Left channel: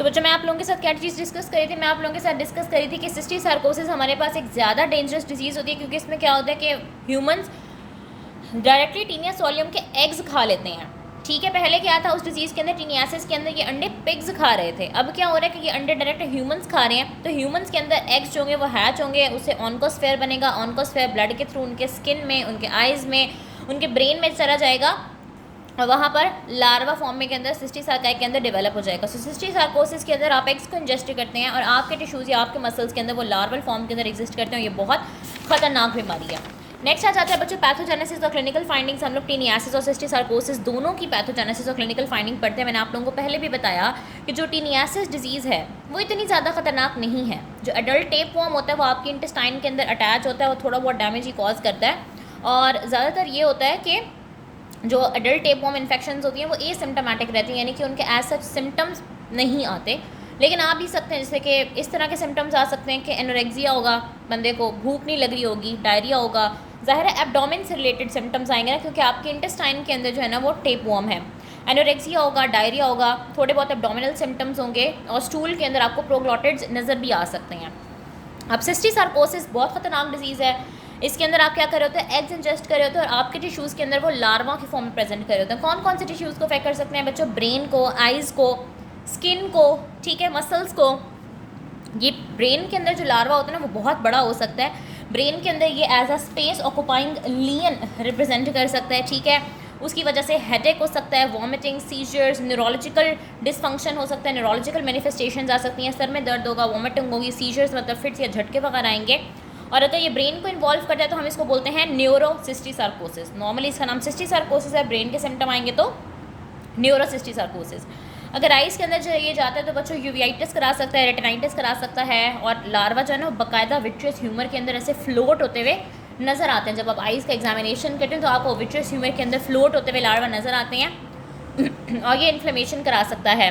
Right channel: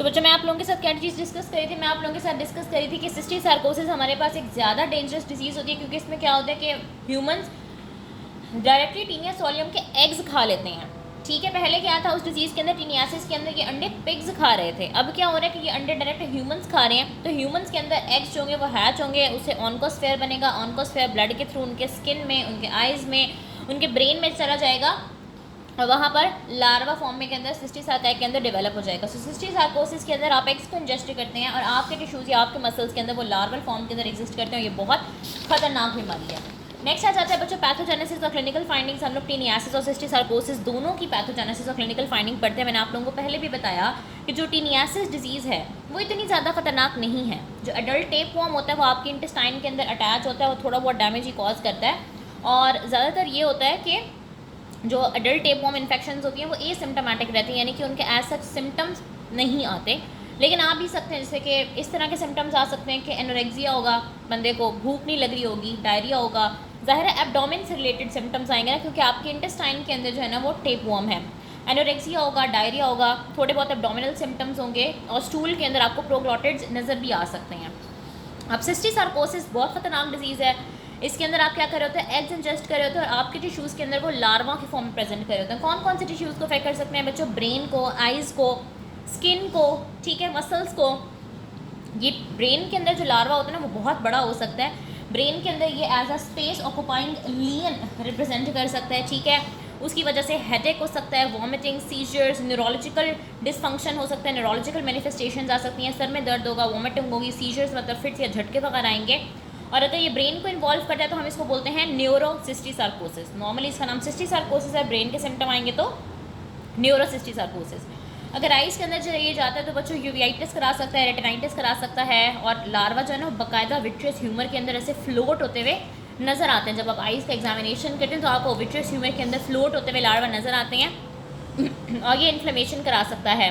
सो बच्चों मैं आप लोगों के साथ क्या चीज़ डिस्कस करी थी, मैं आप लोगों के साथ डिस्कस करी थी कि सिस्टिक सार्कोसिस हमारे पास एक ज़्यादा डेंजरस डिजीज़ होती है, क्योंकि इसमें क्या होता है कि ह्यूमंस डायरेक्टली टीनिया सोलियम के एग्स खा लेते हैं। ठीक है, पहले क्या था उस डिजीज़ के अंदर, टीनियासिस के अंदर ये अंडे पिग्स खा रहे थे। अब क्या हो रहा है कि ये अंडे डायरेक्ट ह्यूमंस खा रहे हैं, तो ह्यूमंस के अंदर एग्स जो होंगे वो हैच होंगे, उससे ऑनकोस्फेयर बनेगा। ऑनकोस्फेयर ब्लड के थ्रू उनके स्किन में, उनके आइज़ में, उनके ब्रेन में चला जाएगा और वहाँ पर लार्वा फॉर्म में के अंदर सिस्टिक सार्काई के अंदर डेवलप हो जाएगा। सो सिस्टिक सार्कोसिस के अंदर आप एग्स को इंजेस्ट करते हैं और आपके टिश्यूज़ या आपके मसल्स के अंदर वो लार्वल फॉर्म के अंदर एग्जिस्ट करते हैं। ये बहुत खतरनाक बीमारी है। नेक्स्ट आ जाता है बच्चों पैथोजेनेसिस और क्लिनिकल फाइंडिंग्स। हम लोग टीनियासिस और सिस्टिक सार्कोसिस दोनों की पैथोजेनेसिस और क्लिनिकल फाइंडिंग पढ़ते हैं। मैंने आप लोगों को पहले भी बताया कि जो टीनियासिस डिजीज़ है वो इतनी ज़्यादा खतरनाक नहीं है। जो एडल्ट टेपवॉर्म होता है वो आपके इंटेस्टाइन के अंदर अटैच होता है, वो थोड़ा बहुत डैमेज ही कॉज करता है। और ज़्यादातर ये होता है कि जो एडल्ट टेपवॉर्म इन्फेक्शंस होती हैं वो एसिम्प्टोमेटिक रहती हैं, यानी कि उनके एज सच सिम्टम्स नहीं आते, लेकिन आ भी सकते हैं। जैसे कि इस तरह के सिम्टम्स आ सकते हैं कि एनोरेक्सिया होगा, बंदे को भूख नहीं लग रही होगी, डायरिया होगा, ज़ाहिर है एब्डोमेन से रिलेटेड सिम्टम्स आएंगे ना, क्योंकि आपके इंटेस्टाइन के अंदर जो है ना वो टेपवॉर्म है। एनोरेक्सिया होगा, डायरिया होगा, थोड़े बहुत एब्डोमिनल सिम्टम्स होंगे और स्टूल के अंदर आपको प्रोग्लोटिड्स नज़र भी आ सकते हैं। अब सिस्टिक सार्कोसिस बहुत ख़तरनाक डिजीज़ है। इसके अंदर आप क्या कर रहे होते हैं, एग्स इंजेस्ट कर रहे होते हैं और आपके टिश्यूज़ के अंदर वो लार्वा की फॉर्म में प्रेजेंट कर रहे होते हैं। कौन कौन से टिश्यूज़ को अफेक्ट कर सकते हैं बच्चों? ब्रेन को, आइज़ को, स्किन को, ठीक है, मसल्स को। ये ब्रेन के अंदर जो लार्वा होता है ना वो बहुत बड़ा हो सकता है। ब्रेन के अंदर ये as a space occupying lesion represent कर सकता है, ठीक है। उसकी वजह से हेडेक हो सकता है, वॉमिटिंग, सीजर्स, न्यूरोलॉजिकल डिसफंक्शन हो सकता है, न्यूरोलॉजिकल मैनिफेस्टेशन आ सकती हैं, सर में दर्द होगा, वॉमिटिंग होगी, सीजर्स मतलब फिट्स या झटके वगैरह आएंगे। और अगर ये ब्रेन को इन्वॉल्व करता है तो हम इसको बोलते हैं न्यूरोसिस्टिक सार्कोसिस। नॉर्मली इसका नाम सिस्टिक सार्कोसिस है, ब्रेन के सिम्टम आएंगे तो न्यूरोसिस्टिक सार्कोसिस। अगर आइज़ के अंदर ये जाता है तो बच्चों यूवियाइटिस करा सकता है, रेटिनाइटिस करा सकता है। और लार्वा जो है ना बाकायदा विट्रियस ह्यूमर के अंदर ऐसे फ्लोट होते हुए नज़र आते हैं। जब आप आइज़ का एग्जामिनेशन करते हैं तो आपको विट्रियस ह्यूमर के अंदर फ्लोट होते हुए लार्वा नज़र आते हैं और ये इन्फ्लेमेशन करा सकता है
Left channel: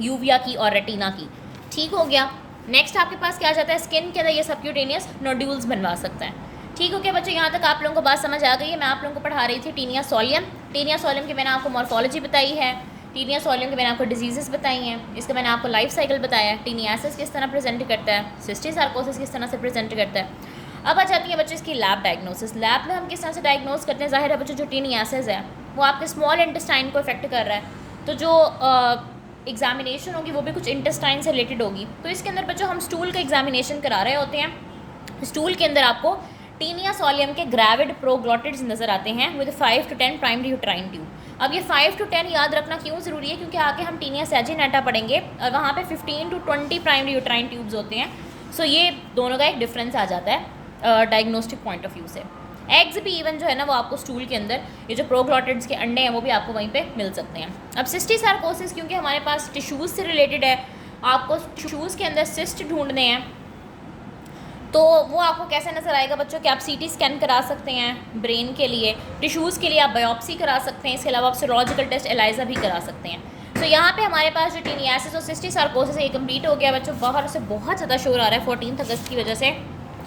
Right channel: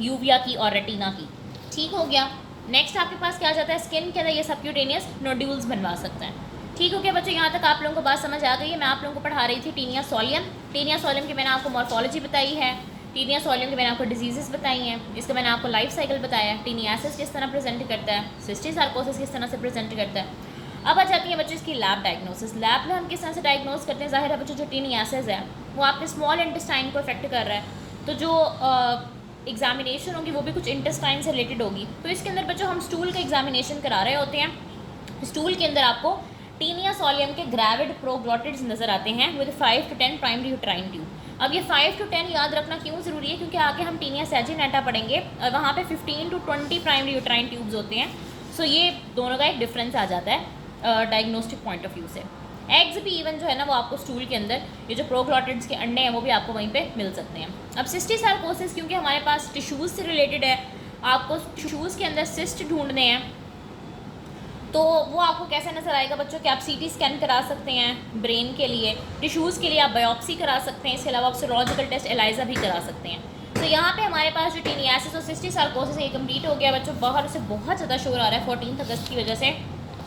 यूविया की और रेटिना की। ठीक हो गया। नेक्स्ट आपके पास क्या आ जाता है, स्किन के अंदर ये सबक्यूटेनियस नोड्यूल्स बनवा सकता है। ठीक हो गया बच्चों, यहाँ तक आप लोगों को बात समझ आ गई है। मैं आप लोगों को पढ़ा रही थी टीनिया सोलियम। टीनिया सोलियम की मैंने आपको मॉर्फोलॉजी बताई है, टीनिया सोलियम की मैंने आपको डिजीज़ेस बताई हैं, इसका मैंने आपको लाइफ साइकिल बताया, टीनियासिस किस तरह प्रेजेंट करता है, सिस्टिक सार्कोसिस किस तरह से प्रेजेंट करता है। अब आ जाती है बच्चों इसकी लैब डायग्नोसिस। लैब में हम किस तरह से डायग्नोस करते हैं? ज़ाहिर है बच्चों जो टीनियासिस है वो आपके स्मॉल इंटेस्टाइन को इफेक्ट कर रहा है, तो जो एग्जामिनेशन होगी वो भी कुछ इंटेस्टाइन से रिलेटेड होगी। तो इसके अंदर बच्चों हम स्टूल का एग्जामिनेशन करा रहे होते हैं। स्टूल के अंदर आपको टीनिया सोलियम के ग्रेविड प्रोग्लोटिड्स नज़र आते हैं with 5 to 10 primary uterine tube. अब ये 5 to 10 याद रखना क्यों ज़रूरी है, क्योंकि आगे हम टीनिया सैजिनेटा पढ़ेंगे और वहाँ पे 15 to 20 प्राइमरी यूट्राइन ट्यूब्स होते हैं। सो ये दोनों का एक डिफरेंस आ जाता है डायग्नोस्टिक पॉइंट ऑफ व्यू से। एग्स भी इवन जो है ना वो आपको स्टूल के अंदर, ये जो प्रोग्लोटिड्स के अंडे हैं वो भी आपको वहीं पे मिल सकते हैं। अब सिस्टिक सार्कोसिस क्योंकि हमारे पास टिश्यूज़ से रिलेटेड है, आपको टिश्यूज़ के अंदर सिस्ट ढूंढने हैं, तो वो आपको कैसे नज़र आएगा बच्चों कि आप सीटी स्कैन करा सकते हैं ब्रेन के लिए, टिश्यूज़ के लिए आप बायोप्सी करा सकते हैं, इसके अलावा आप सीरोलॉजिकल टेस्ट एलाइजा भी करा सकते हैं। तो यहाँ पे हमारे पास जो टीनियासिस और सिस्टिक सार्कोसिस ये कंप्लीट हो गया बच्चों। बाहर से बहुत ज़्यादा शोर आ रहा है 14 अगस्त की वजह से।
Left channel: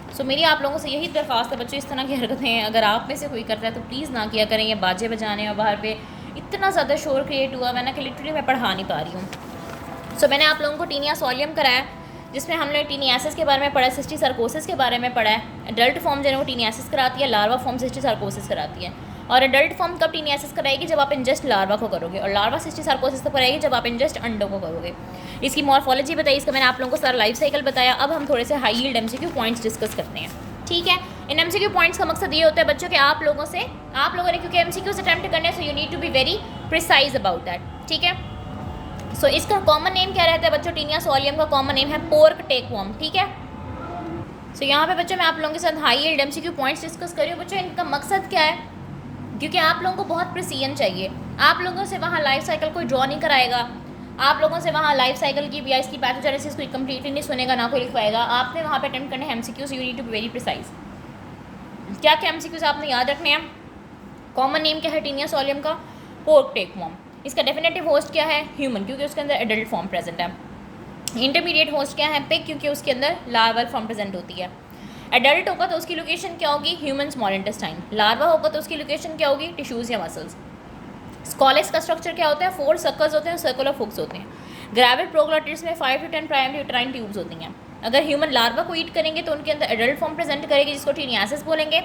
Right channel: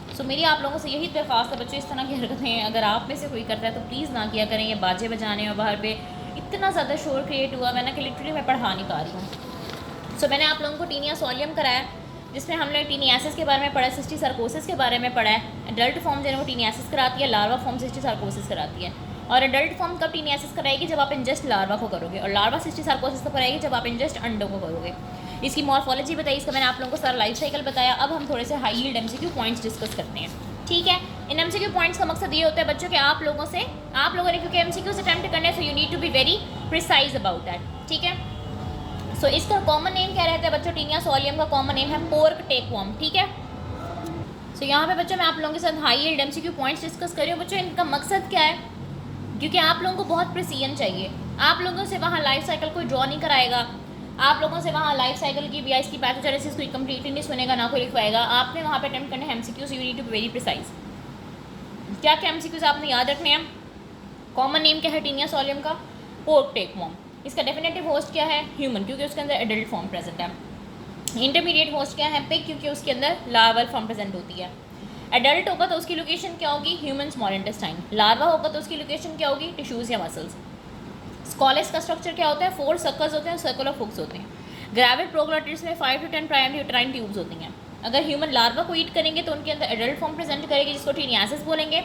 सो मेरी आप लोगों से यही दरख्वास्त है बच्चों, इस तरह की हरकतें अगर आप में से कोई कर रहा है तो प्लीज़ ना किया करें। ये बाजे बजाने और बाहर पे इतना ज़्यादा शोर क्रिएट हुआ है ना कि लिटरली मैं पढ़ा नहीं पा रही हूँ। सो मैंने आप लोगों को टीनिया सोलियम कराया जिसमें हमने टीनियासिस के बारे में पढ़ा है, सिस्टिक सार्कोसिस के बारे में पढ़ा है। अडल्ट फॉर्म जो है वो टीनियासिस कराती है, लार्वा फॉर्म सिस्टिक सार्कोसिस कराती है। और अडल्ट फॉर्म कब टीनियासिस कराएगी? जब आप इंजेस्ट लार्वा को करोगे, और लार्वा सिस्टिक सार्कोसिस को कराएगी जब आप इंजेस्ट अंडों को करोगे। इसकी मॉर्फोलॉजी बताई, इसका मैंने आप लोगों को सारा लाइफ साइकिल बताया। अब हम थोड़े से high yield MCQ points discuss करते हैं। ठीक है, इन एमसीक्यू पॉइंट्स का मकसद ये होता है बच्चों कि आप लोगों ने क्योंकि एमसीक्यूज अटेम्प्ट करने so you need to be very precise about that. ठीक है, सो इसका कॉमन नेम क्या रहता है बच्चों? टीनिया सोलियम का कॉमन नेम है पोर्क टेकवॉर्म। ठीक है, सो यहाँ पे बच्चों मैं आप लोगों के साथ high yield MCQ points discuss कर रही हूँ। बच्चों इनका मकसद क्या है? क्योंकि आप लोगों को बहुत प्रिसीजन चाहिए। आप लोगों से वहाँ लाइफ साइकिल कोई ड्रॉ नहीं कराएगा, आप लोगों से वहाँ लाइफ साइकिल की या इसकी पैथोजेनेसिस कोई कंप्लीटली नहीं सुनेगा, ना कोई लिखवाएगा। आपने वहाँ पे अटेम्प्ट करने हैं MCQs, you need to be very precise. क्या क्या एमसीक्यूज आपने याद रखने हैं? कॉमन नेम क्या है टीनिया सोलियम का? पोर्क टेकवॉर्म। इसका डेफिनेटिव होस्ट क्या है? ह्यूमन, क्योंकि उसके अंदर एडल्ट फॉर्म प्रेजेंट है। इंटरमीडिएट होस्ट क्या है? पिग, क्योंकि उसके अंदर लार्वल फॉर्म प्रेजेंट होती है। एडल्ट होगा तो उसकी लोकेशन क्या होगी? Human small intestine. लार्वा होगा तो उसकी लोकेशन क्या होगी? टिश्यूज़ या मसल्स। स्कॉलेस का स्ट्रक्चर क्या होता है? 4 सर्कल्स होते हैं, सर्कुलर हुक्स होते हैं। ग्रेविड प्रोग्लोटिड्स में 5 to 10 प्राइमरी यूट्राइन ट्यूब्स होती हैं। अगर ह्यूमन लार्वा को ईट करेंगे तो उनके अंदर एडल्ट फॉर्म प्रेजेंट करेगी जिसको टीनियासिस बोलेंगे।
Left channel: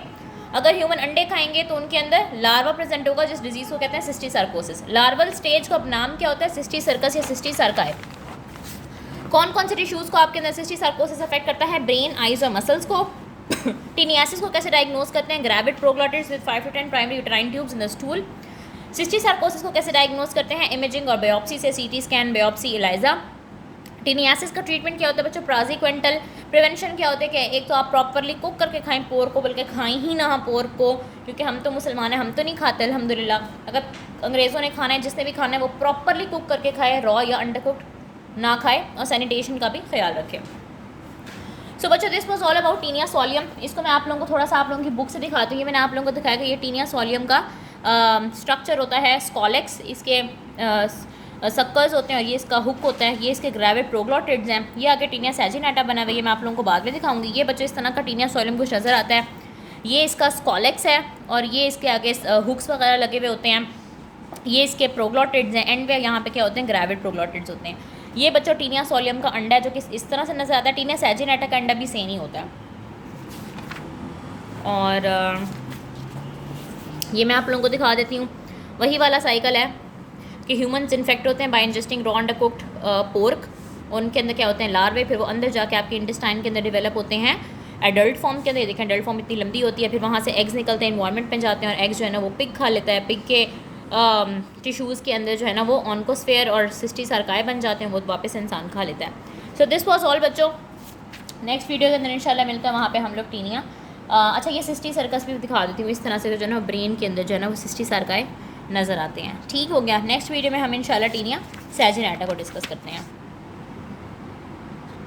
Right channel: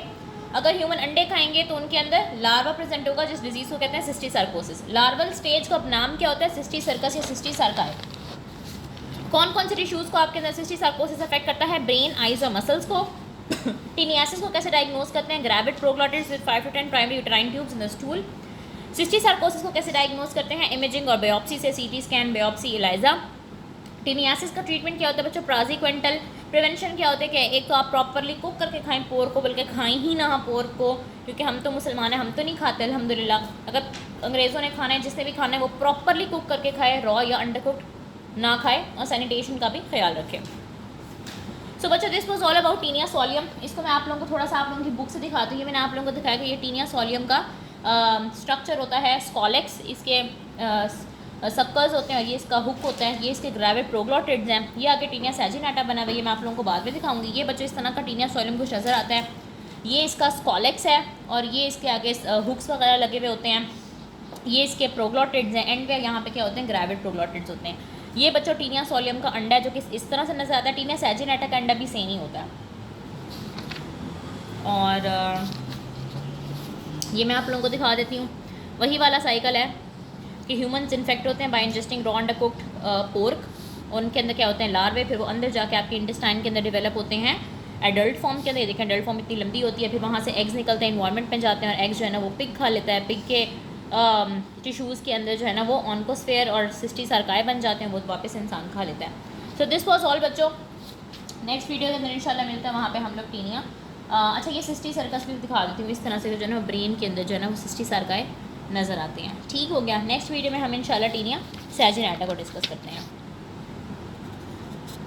अगर ह्यूमन अंडे खाएंगे तो उनके अंदर लार्वा प्रेजेंट होगा जिस डिजीज़ को कहते हैं सिस्टीसार्कोसिस। लार्वल स्टेज का नाम क्या होता है? सिस्टीसर्कस या सिस्टीसार्काई। कौन कौन से टिश्यूज़ को आपके अंदर सिस्टीसार्कोसिस अफेक्ट करता है? ब्रेन, आइज और मसल्स को। टीनियासिस को कैसे डायग्नोज करते हैं? Gravid proglottids with 5 to 10 primary uterine tubes in the stool. Cysticercosis को कैसे डायग्नोज करते हैं? इमेजिंग और बायोप्सी से, CT scan, biopsy, Elijah. Taeniasis का ट्रीटमेंट क्या होता है बच्चों? प्राजीक्वेंटल। प्रिवेंशन क्या होता है? क्या एक तो आप प्रॉपरली कुक करके खाएं पोर्क को, बल्कि खाएं ही ना पोर्क को, क्योंकि हम तो मुसलमान हैं, हम तो नहीं खाते अल्हम्दुलिल्लाह। अगर अंग्रेज़ों ने खाना है, जिसने भी खाना है वो प्रॉपरली कुक करके खाए, रॉ या अंडर कुक्ड ना खाए, और सैनिटेशन का भी ख्याल रखें। सो बच्चों this was all about Taenia solium. इसको मैं आप लोगों को थोड़ा सा आप लोगों की बुक से दिखाती हूँ। ये मैंने आप लोगों को दिखाया कि ये टीनिया सोलियम का स्ट्रक्चर होता है स्कॉलेक्स, इसके सक्कर्स होते हैं, और ये इसका हुक होता है, ये इसके ग्रेविड प्रोग्लोटिड्स हैं, ये आगे टीनिया सैजिनेटा बना हुआ है, ये मैं आप लोगों को बाद में दिखाऊंगी। ये बच्चों इस तरह का टीनिया सोलियम कुछ नज़र आता है, ये इसका स्कॉलेक्स है, और ये इसके आगे हुक्स वगैरह लगे हुए होते हैं, ये इसके प्रोग्लोटिड्स हैं, एंड पे यहाँ पे क्या होते हैं? ग्रेविड प्रोग्लोटिड्स होते हैं। ये बच्चों टीनिया सोलियम का अंडा है जो कि इस तरह से नज़र आता है। टीनिया सैजिनेटा का अंडा भी सेम ही होता है। और ये मैं आप लोगों को दिखा देती हूँ, वही वाला साइकिल है कि ह्यूमंस इन्फेक्ट होते हैं by ingesting raw undercooked pork. उनके अंदर क्या होते हैं? लार्वे, फिर वो अंदर जाके आपके इंटेस्टाइन के अंदर डेवलप होते हैं एडल्ट फॉर्म के अंदर। देखें एडल्ट फॉर्म इतनी लंबी होती है, फिर वहाँ से एग्स निकलते हैं, इन्वायरमेंट में जाते हैं, और एग्स जो है ना वो पिग खा लेता है। पिग के टिश्यूज़ के अंदर जो है ना वो ऑन्कोस्फेयर और सिस्टीसार्काई बन जाते हैं, वो वापस इंसान खा लेता है। सो दिस वॉज ऑल बच्चों। नेक्स्ट वीडियो के अंदर इंशाल्लाह मिलता है, वहाँ पे हम लोग टीनिया अच्छा ये सिस्टीसर्कस भी दिखा देती हूँ। इस तरह से जो है ना ब्रेन के अंदर जो है ना वो सिस्टीसार्काई नज़र आते हैं। ठीक हो गया। नेक्स्ट वीडियो में हम इंशाल्लाह टीनिया सैजिनेटा को डिस्कस करते हैं।